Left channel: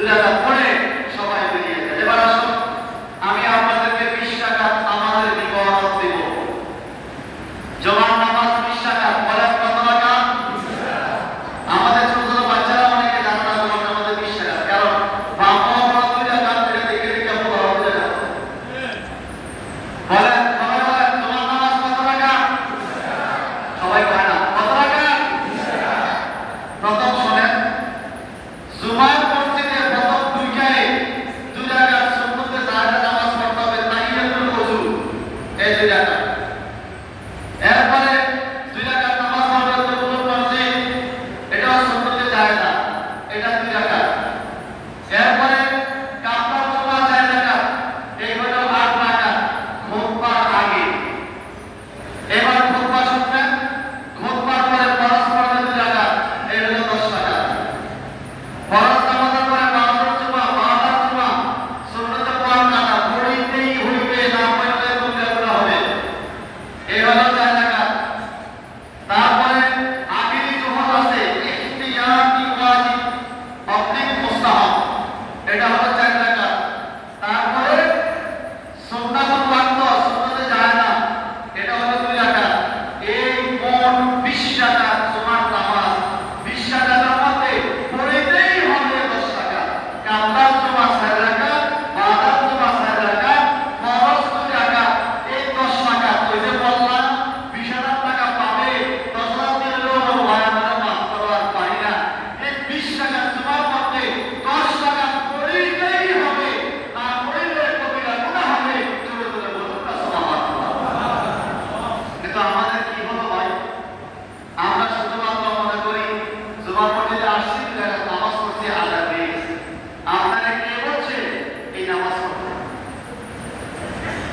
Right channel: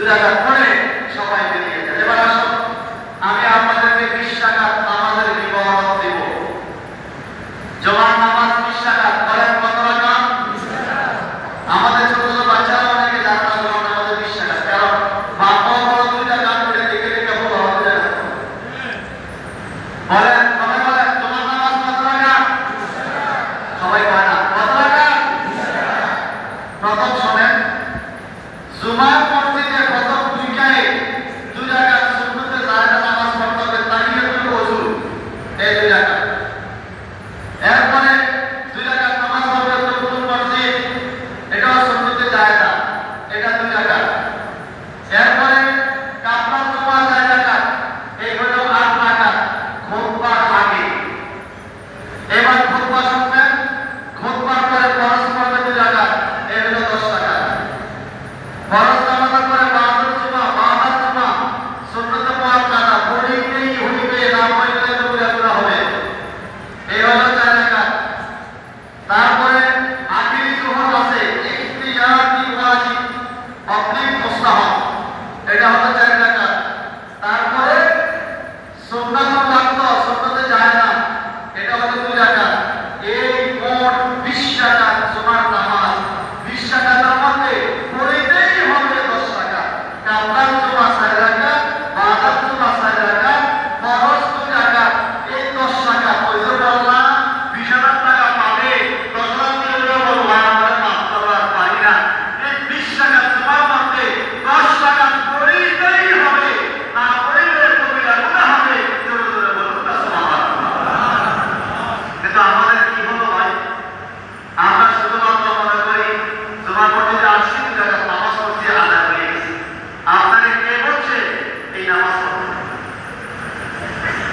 দুরাক্ষণে সবাই বেরিয়ে যায় এবার আসুন, আমি আপনাদেরকে বিশ টাকা বিবরণ দেব। নামাজ বিশ টাকা, বলেন কত টাকা? আমাদের ছোট ছোট বাচ্চারা অনেকে জানে না নামাজের বিশ টাকা। কারণ বাপ মা করে দেখে দেখে বলা হবে বলেন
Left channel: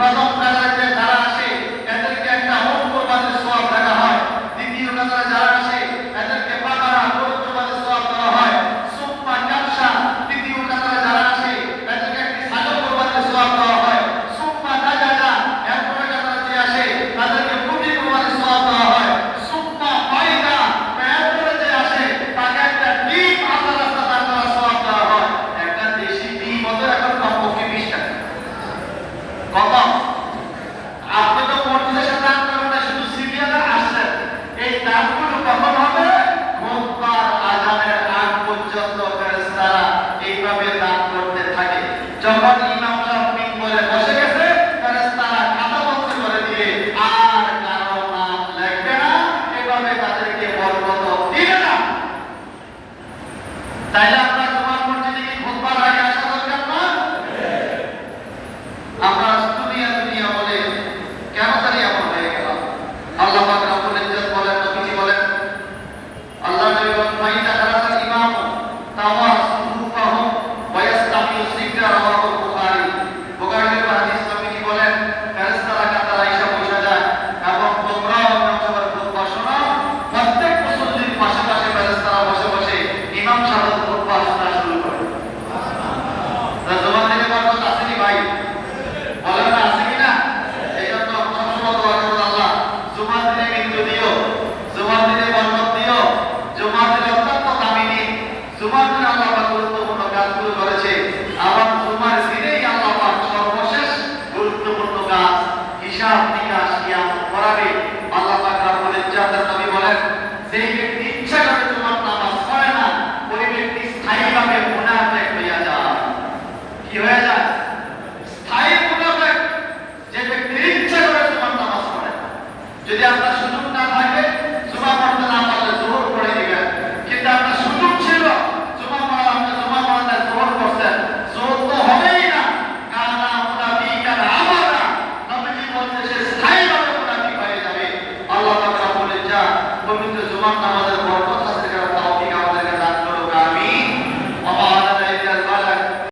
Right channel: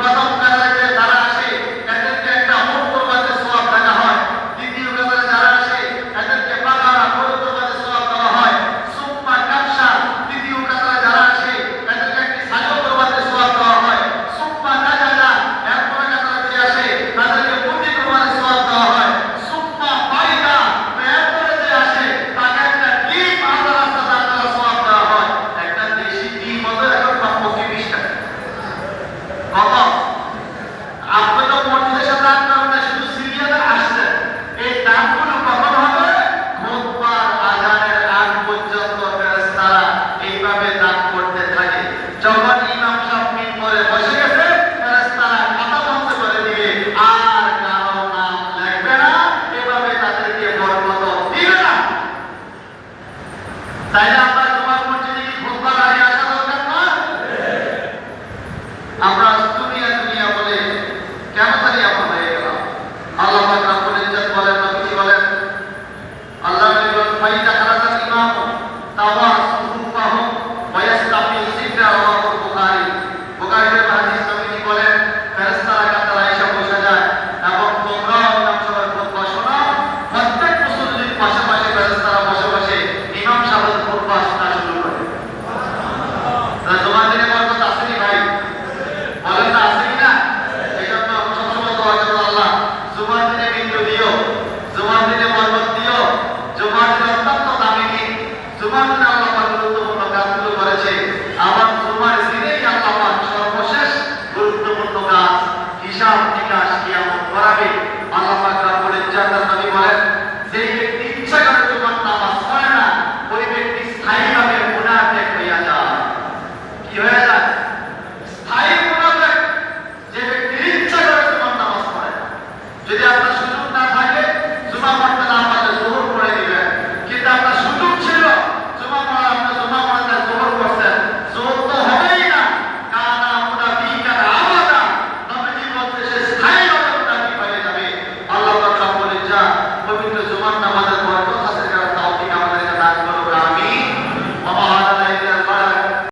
また বসে গেছে করে দিয়ে আর কারও নাম লাগবে না, এভাবে তাদেরকে বরকত দিবে না। তাইলে আমরা The one. মধ্যে স্থায়ীভাবে আপনার পাইয়ে যাবে? আল্লাহ বলেন যা পবিত্র জমান নামাজের পর